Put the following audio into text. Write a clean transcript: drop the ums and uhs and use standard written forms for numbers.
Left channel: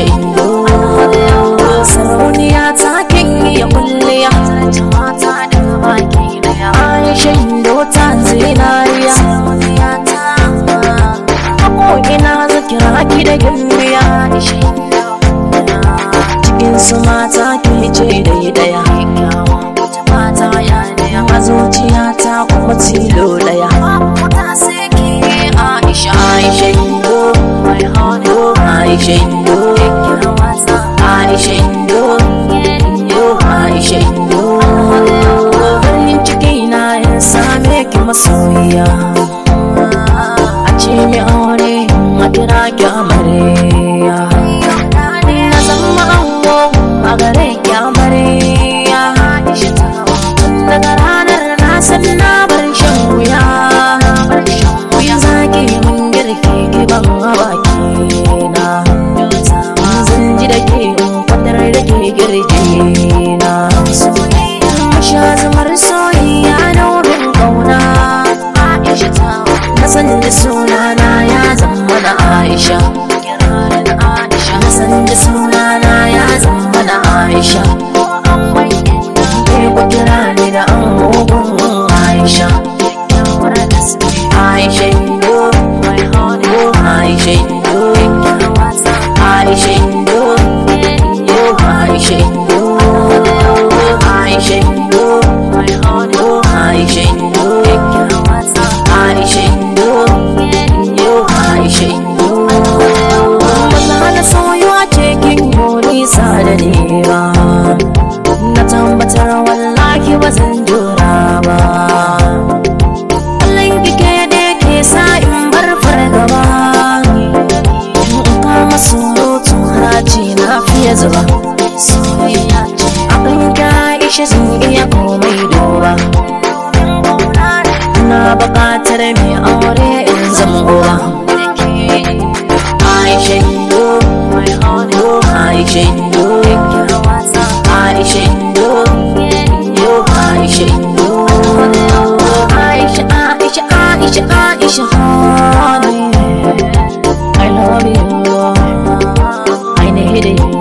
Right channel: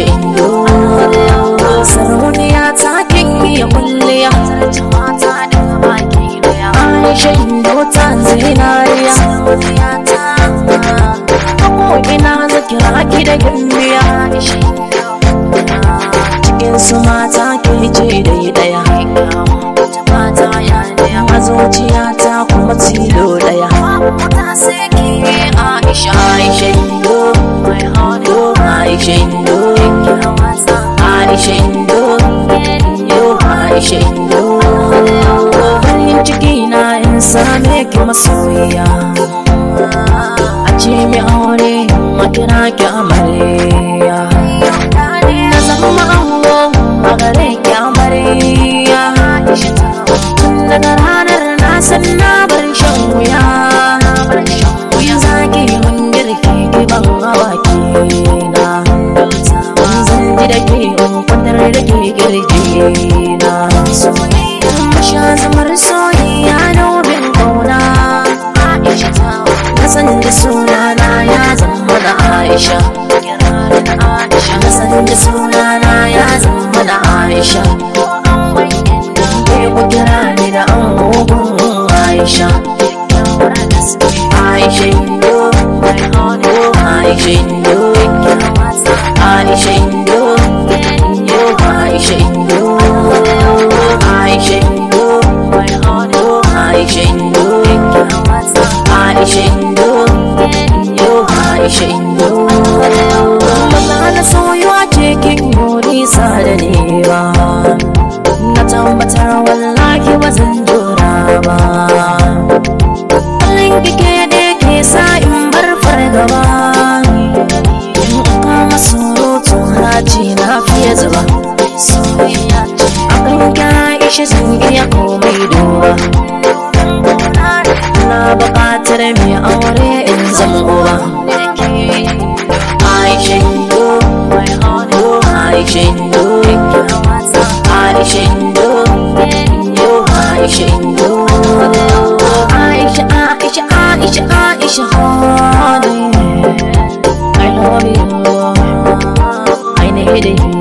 Aisha Indo sarauniya ta kin iya kulliya mata da baki daya Aisha Indo ta zinariya sarauniya ta ko ina zakira ki da gimbiya Aisha Indo cikin su mata ke ce daya mata ya daya zuciya ta kuma tilo daya ta sai ke Aisha Indo my heart Aisha Indo Aisha Indo Aisha Indo farin ciki na in same ki masoyiya a ce mi aure makira ki amarya na zama ango a gare ki amarya daga ranar na san na bar shan wuya zaki mun girki ki ban hawa kina zan ji da ke kwatar da ke girgina sha zamar soyayya na wurin kauna na san da sunana ya zama da Aisha na san da sunana ya zama da Aisha ke ku kira ni da angogon Aisha Aisha Indo Aisha Indo Aisha Indo Aisha Indo Aisha Indo Aisha Indo Aisha Indo Aisha Indo ba na soyuwa cikin nisa da ni ba na tabbatar wallahi ba zan jura ba kullum kike da ke sa in bar fargaba kama surutu haji na fiye zuba soyayya akan ka ishe zan iya komai duba na buƙatar mai aure in zama uba Aisha Indo Aisha Indo Aisha Indo Aisha Indo Aisha Aisha Aisha Aisha honey I love you I need you